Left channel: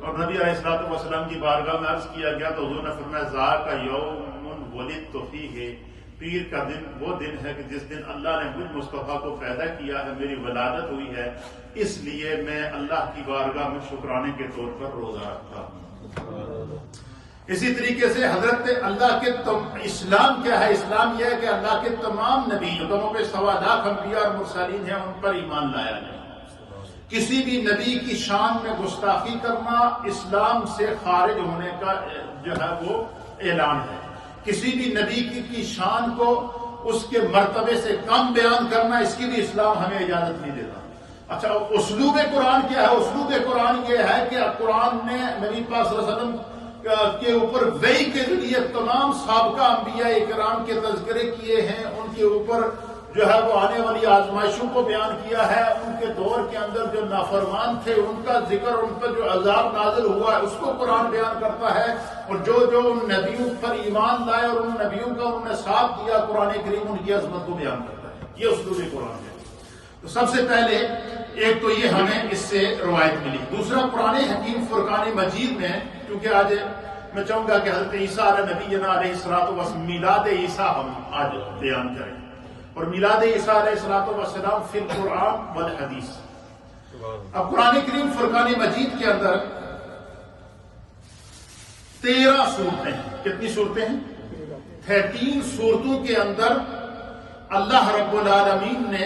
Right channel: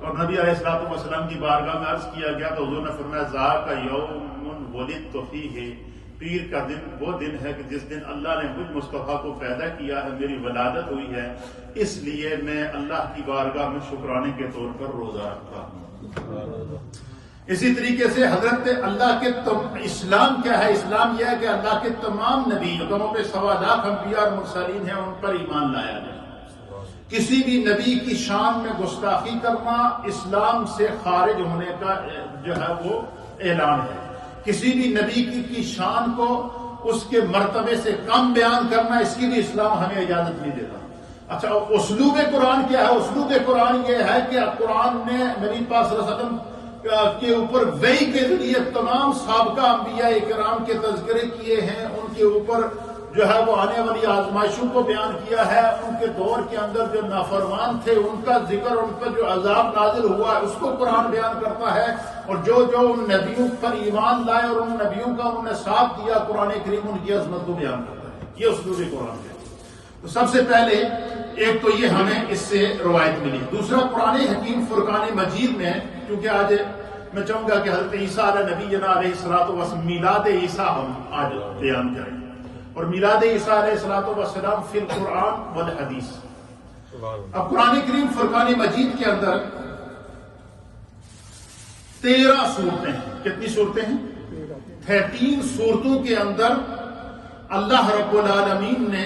اور نبی علیہ الصلوۃ والسلام کی بارگاہ میں عرض کیا گیا تو حضور نے فرمایا ذاک یوم ولدت فیہ، پیر کا دن وہ دن ہے کہ جس دن اللہ نے مجھ مصطفیٰ کو پیدا کیا ہے، میری ولادت ہوئی ہے، اس لیے میں اللہ کی بارگاہ میں شکرانے کے طور پر روزہ رکھتا ہوں۔ اسی طریقے سے حضرت اللہ کے اسلام کیا ہے؟ اسلام یہ ہے کہ اللہ کے تمام نبی قوموں پہ 1.25 لاکھ انبیاء اور مرسلین ہیں، ان پر ایمان لایا جائے۔ کسی بھی نبی کی شان میں گستاخی کرنا اسلام سے خارج ہونے کا جو ہے وہ اعلان ہے۔ کسی بھی نبی کی شان کو اس کے مرتبے سے کم بیان کرنا، اس کی بھی اسلام ہمیں اجازت نہیں دیتا۔ اچھا، اسلوب قرآن کیا ہے؟ اسلوب قرآن یہ ہے کہ قرآن نے نبی پاک صلی اللہ علیہ وسلم کے اوپر وحی کے ذریعے تمام سابقہ انبیاء کرام کے تذکرے کیے ہیں، ان کے اوپر جو ہے وہ آنے والی آزمائشوں کو بیان کیا ہے، ان کے دور کے اندر جو نافرمان تھے ان کا ذکر، ان پر جو عذاب نازل ہوا ہے اس کو قرآن بیان کرتا ہے، اور جو ان نبیوں پر ایمان لائے اور ان نبیوں کا انہوں نے ساتھ دیا، قرآن کریم ان کی عظمت کو بیان کرتا ہے۔ یہ اسلوب قرآن ہے۔ تو سب سے پہلے ایک تو یہ ہمیں اس سے روایت ملی، دوسرا قرآن حکیم فرقان مجید میں، کیونکہ آج میں چاہوں گا کہ حضرت عیسیٰ علیہ نبی علیہ الصلوۃ والسلام میلاد عیسیٰ ہم آج بیان کریں، اور میلاد عیسیٰ علیہ الصلوۃ والسلام فی القرآن والحدیث۔ اب قرآن کریم فرقان مجید کے اندر 13 صورتیں ہیں۔ کتنی صورتیں ہیں؟ 13 صورتوں کے اندر اللہ رب العالمین نے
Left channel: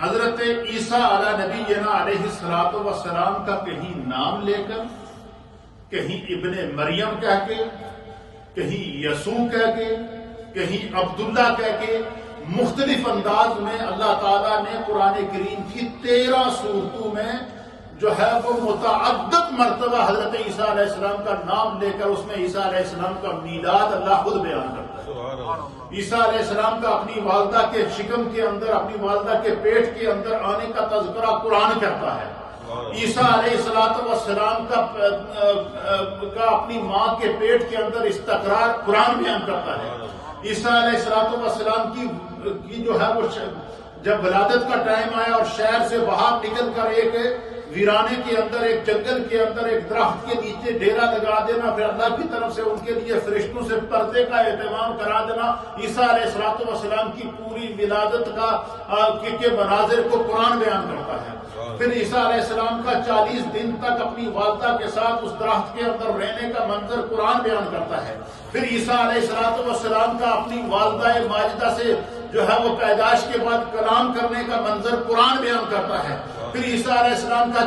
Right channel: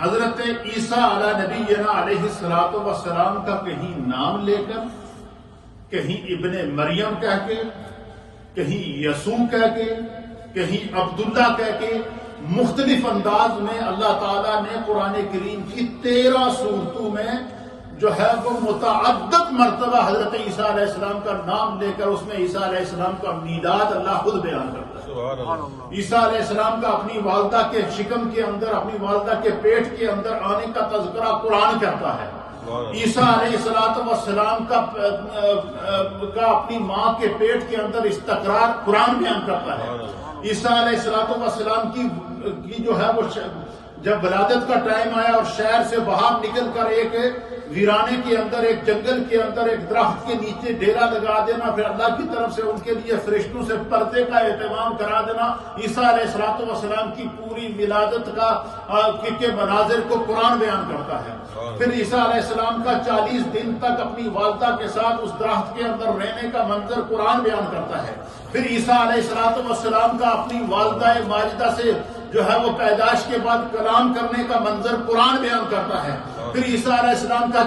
حضرت عیسیٰ علیہ نبی علیہ الصلوۃ والسلام کا کہیں نام لے کر، کہیں ابن مریم کہہ کے، کہیں یسوع کہہ کے، کہیں عبداللہ کہہ کے، مختلف انداز میں اللہ تعالیٰ نے قرآن کریم کی 13 صورتوں میں جو ہے وہ متعدد مرتبہ حضرت عیسیٰ علیہ السلام کا نام لے کر اس میں عیسیٰ علیہ السلام کا میلاد اللہ خود بیان کرتا ہے۔ عیسیٰ علیہ السلام کا اپنی والدہ کے شکم کے اندر، اپنی والدہ کے پیٹ کے اندر آنے کا تذکرہ قرآن کرتا ہے۔ عیسیٰ علیہ السلام کا اپنی ماں کے پیٹ کے اندر استقرار قرآن بیان کرتا ہے۔ عیسیٰ علیہ السلام کی جو ہے وہ جب ولادت کا ٹائم آیا اور شہر سے باہر نکل کر ایک ویرانے کے اندر، ایک جنگل کے اندر، ایک درخت کے نیچے ڈیرا لگا دینا، پھر اللہ کی طرف سے ان کے لیے فرشتوں سے پردے کا اہتمام کرا دینا، عیسیٰ علیہ السلام کی پوری ولادت کے مناظر کو قرآن بیان کرتا ہے۔ پھر عیسیٰ علیہ السلام کا 40 دن تک اپنی والدہ کے ساتھ اس درخت کے اندر رہنے کا منظر قرآن بیان کرتا ہے۔ پھر عیسیٰ علیہ السلام کا اپنی والدہ ماجدہ سے جو ہے وہ پیدائش کے بعد کلام کرنے کا منظر قرآن بیان کرتا ہے۔ پھر عیسیٰ علیہ السلام کا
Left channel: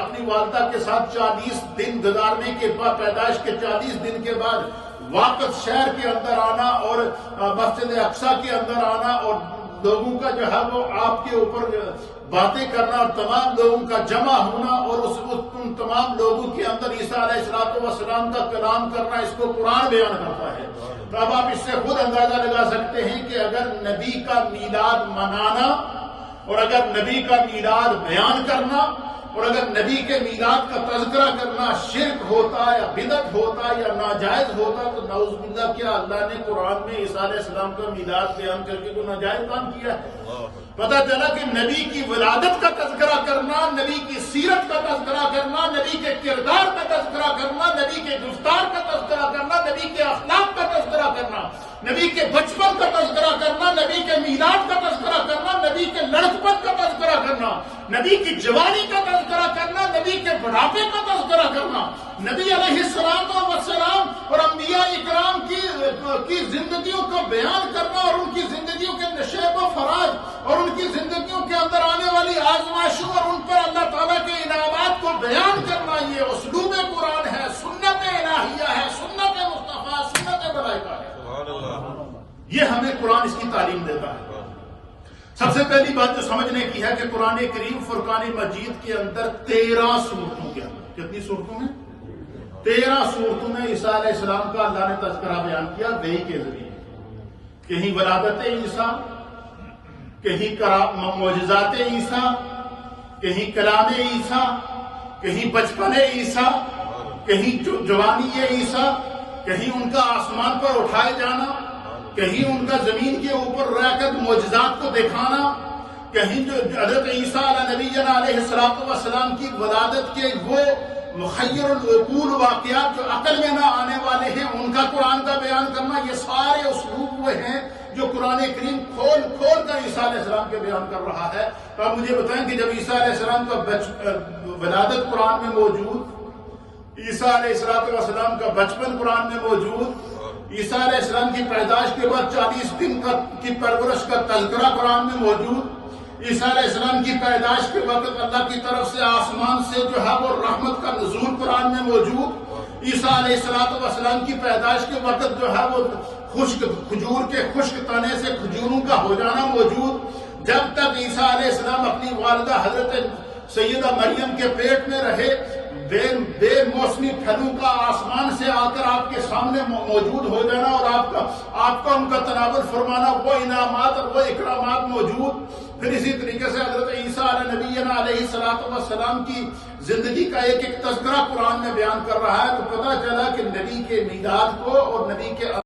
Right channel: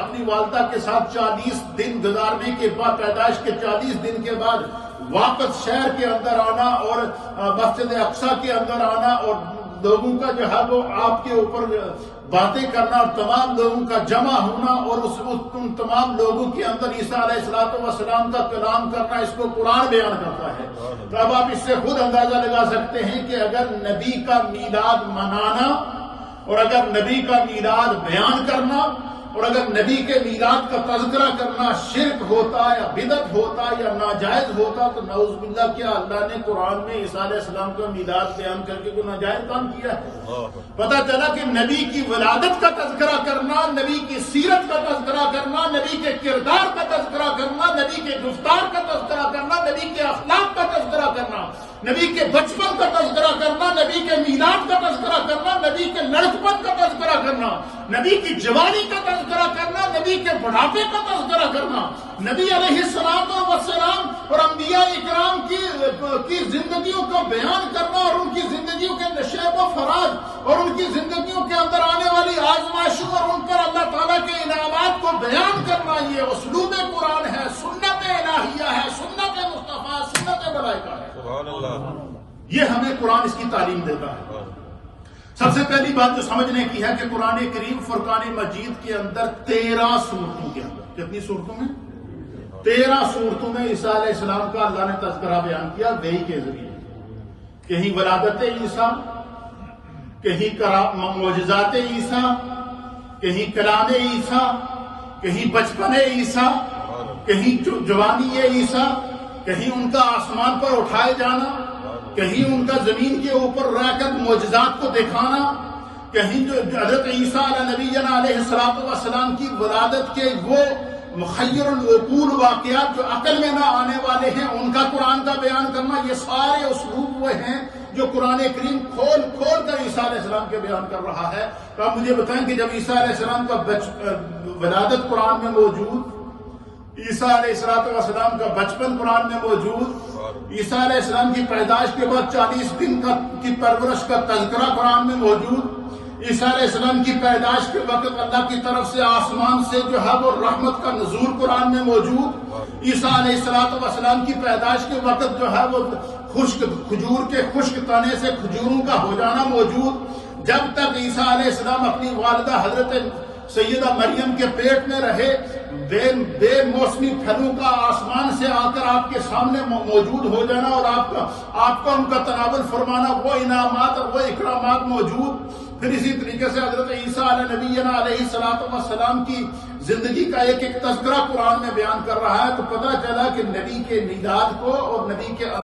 اپنی والدہ کے ساتھ 40 دن گزارنے کے بعد، پیدائش کے 40 دن کے بعد واپس شہر کے اندر آنا اور مسجد اقصیٰ کے اندر آنا اور لوگوں کا جو ہے وہ آپ کے اوپر باتیں کرنا اور تمام لوگوں کا جمع ہونا اور ان تمام لوگوں کے اندر عیسیٰ علیہ السلام کا کلام کرنا، اس کو قرآن بیان کرتا ہے۔ تو اب آپ اس سے خود اندازہ لگا سکتے ہیں کہ اگر نبی کا میلاد منانا اور اگر نبی کا میلاد بیان کرنا اور اگر نبی کے میلاد کا تذکرہ کرنا شرک ہوتا یا بدعت ہوتا یا ناجائز ہوتا، تو نعوذ باللہ کیا اللہ نے قرآن میں عیسیٰ علیہ السلام کا میلاد بیان کر کے کوئی ناجائز کام کیا ہے؟ پتہ چلا کہ نبی کی ولادت کا تذکرہ کرنا، نبی کی سیرت کا تذکرہ کرنا، نبی کے کردار کا تذکرہ کرنا، نبی کے گفتار کا تذکرہ کرنا، نبی کے اخلاق کا تذکرہ کرنا، نبی کے بچپن کا تذکرہ کرنا، نبی کے میلاد کا تذکرہ کرنا، نبی کے لڑکپن کا تذکرہ کرنا، نبی کی جوانی کا تذکرہ کرنا، نبی کے بڑھاپے کا تذکرہ کرنا، نبی علیہ السلام اور انبیاء اکرام کی زندگیوں کو بیان کرنا اور ان کی زندگیوں کے نشیب و فراز اور ان کی زندگیوں کے اندر آنے والی آزمائشوں اور ان پر اللہ تعالیٰ کے انعامات کو بیان کرنا، یہ اسلوب قرآن ہے، سنت الہیہ ہے، سنت مصطفیٰ، سنت ملائکہ ہے۔ یہ ہمیں قرآن اس کی تعلیم دیتا ہے۔ سب سے پہلی بات جو سمجھنے کی ہے کہ قرآن کریم فرقان مجید کے اندر 13 صورتوں کے اندر، کتنی صورتوں میں؟ 13 صورتوں میں عیسیٰ علیہ السلام کا اللہ نے تذکرہ بیان کیا وحی کے ذریعے۔ کہیں ولادت عیسیٰ، کہیں معجزات عیسیٰ، کہیں کلام عیسیٰ، کہیں بچپن عیسیٰ، کہیں جوانی عیسیٰ، کہیں ان کا آسمان پر اٹھائے جانا، کہیں ان کا زمین کے اوپر رہ کر معجزات کو دکھانا، کہیں جو حضرت عیسیٰ علیہ نبی علیہ السلام کی ولادت کے وہ مخیر العقول واقعات جو عقل میں نہ آنے والے ہیں ان کا قرآن کا بیان کرنا، یہ سارے اسلوب وہ ہیں جو قرآن کریم کھول کھول کر عیسیٰ علیہ السلام کے بیان کر رہا ہے۔ تو آپ مجھے بتائیں کہ جب عیسیٰ علیہ السلام کا ولادت قرآن میں موجود، عیسیٰ علیہ السلام کا بچپن قرآن میں موجود، عیسیٰ علیہ السلام کی پیدائش کے بعد 40 دن کی پرورش کا تذکرہ قرآن میں موجود، عیسیٰ علیہ السلام کی پیدائش کے وقت اللہ کی طرف سے آسمان سے جو ہے وہ رحمت کا نزول قرآن میں موجود، عیسیٰ علیہ السلام کی پیدائش کے وقت جو ہے وہ کھجور کے خشک تنے سے کھجوروں کا ہو جانا موجود۔ جب تک عیسیٰ علیہ السلام اپنی والدہ حضرت سیدہ مریم کے پیٹ میں رہے، بے موسمی پھلوں کا آسمان سے آ کر آپ کے سامنے موجود ہو جانا اور آپ کا ان کا تناول فرمانا، وہ انعامات اور وہ اکرامات موجود۔ پھر اسی طریقے سے حضرت عیسیٰ علیہ نبینا علیہ السلام کی زندگی کا ایک ایک تذکرہ قرآن میں بیان کر رہا ہے۔ تو پتہ چلا کہ نبی کے میلاد کو اور نبی کے